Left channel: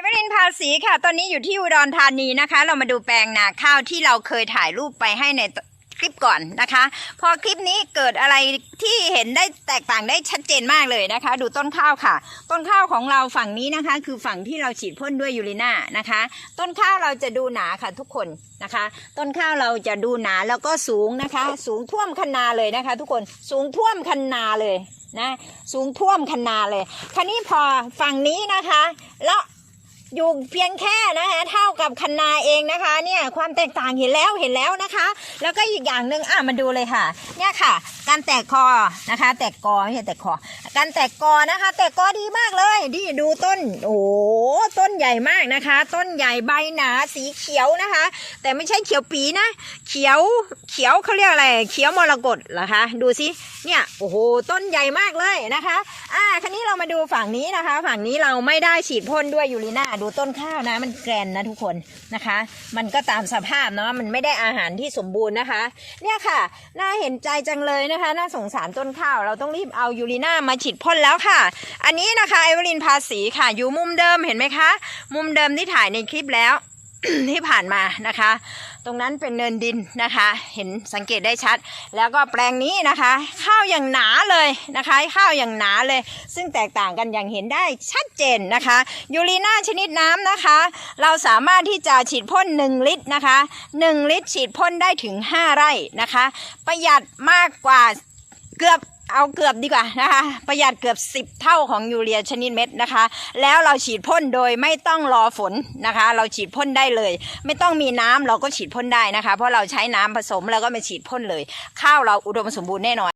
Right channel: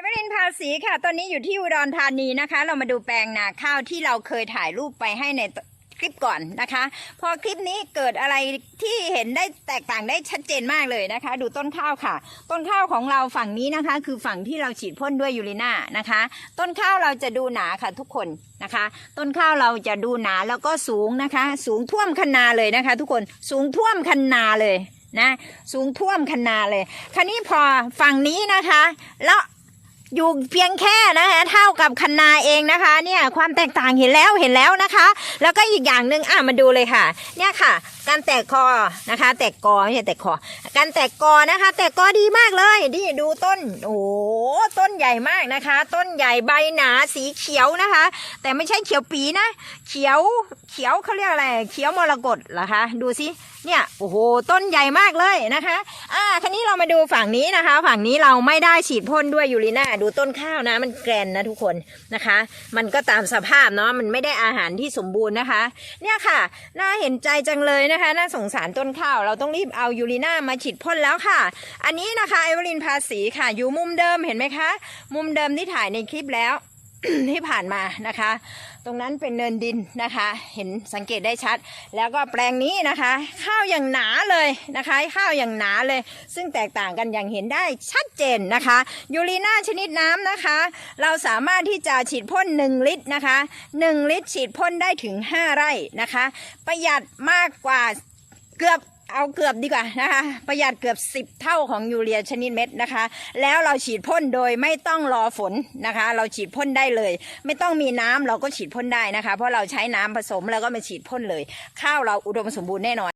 เอเวอรินภาษีค่ะ ตอนนี้อยู่ที่อุดรธานีนะคะ เรามาดูแปลงนาข้าวที่เราเคยถ่ายรูปไปให้ในคลิปก่อนนะคะ พอคลิปนี้เกิดอะไรที่เห็นได้แตกต่างได้ชัดเจนมากเลยนะคะ ดูต้นข้าวค่ะ ต้นข้าวของเราฝั่งนี้นะคะ คือฝั่งที่เราฉีดพ่นด้วยยูริน่านะคะ ต้นข้าวเราจะดูหนาค่ะทุกคนนะคะ ต้นข้าวเราจะดูหนาแล้วก็สูงนะคะ สูงท่วมคันนาเลยนะคะ ทุกคนสูงท่วมคันนาเลยนะ สูงท่วมคันนาเลยคราวนี้พอฝั่งนี้นะคะ แล้ว อยู่เพียงแค่นะคะเท่ากับคันนาเองนะคะ เนี่ยความแตกต่างเห็นแล้วเห็นแล้วนะคะ แล้วก็อีกอย่างหนึ่งอะมาดูเลยค่ะ เนี่ยค่ะ การแตกคอนะคะ แตกกอไม่ใช่แตกคอการแตกกอนะคะ แตกกอดีมากเลยนี่ดูต้นโอ้ต้นใหญ่มากนะคะ ต้นใหญ่ใบหนาสีเขียวนะคะ แต่ไม่ใช่เขียวปีนะ เขียวเขียวเขาเรียกอะไร เขียวมรกตเหรอคะดูสิเนี่ยโอ้โหต้นใหญ่มากเลยนะคะ อ่าทีนี้เร มาดูฝั่งนี้นะคะ ฝั่งนี้เราไม่ได้ฉีดพ่นด้วยยูริน่าดูต้นข้าวนะ มันแกรนนะทุกคนนะคะ มันก็ตามสภาพเนาะมันไม่ได้อาหารที่สมบูรณ์นะคะ เนี่ยค่ะ น่าเห็นใจจังเลยนะคะ น่าสงสารต้นข้าว เราต้องรีบเอายูริน่ามาฉีดพ่นแล้วค่ะ อันนี้นะคะไอวลินภาษีค่ะ อยู่มุมเดิมเห็นไหมคะ มุมเดิมที่ถ่ายในคลิปแล้วที่ผ่านมานะคะ ตรงนั้นเป็นเนินดินนะคะ เห็นสังเกตได้ชัด แล้วก็แปลงนี้นะคะ ข้าวอย่างหนาเลยนะคะ ข้าวอย่างหนาเลย ซึ่งแตกต่างกันอย่างเห็นได้ชัดเจนนะคะยูรีน่าชนิดน้ำนะคะ เราสามารถที่จะฉีดพ่น 1 ลิตรนะคะ 1 ลิตรฉีดพ่นได้ถึง 5 ไร่นะคะ ประหยัดมากกว่าเกือบ เอาเกือบดีกว่านะคะประหยัดเกือบ 10 เท่าของยูเรียชนิดเม็ดนะคะ แล้วเราฉีดพ่นโดยไม่ต้องรอฝนนะคะ เราฉีดพ่นได้เลย ไม่ต้องมีน้ำเราก็ฉีดพ่นได้นะคะ เพราะเราใช้น้ำผสมแล้วก็มาฉีดพ่นเลย ข้าวเราอุดมสมบูรณ์แน่นอน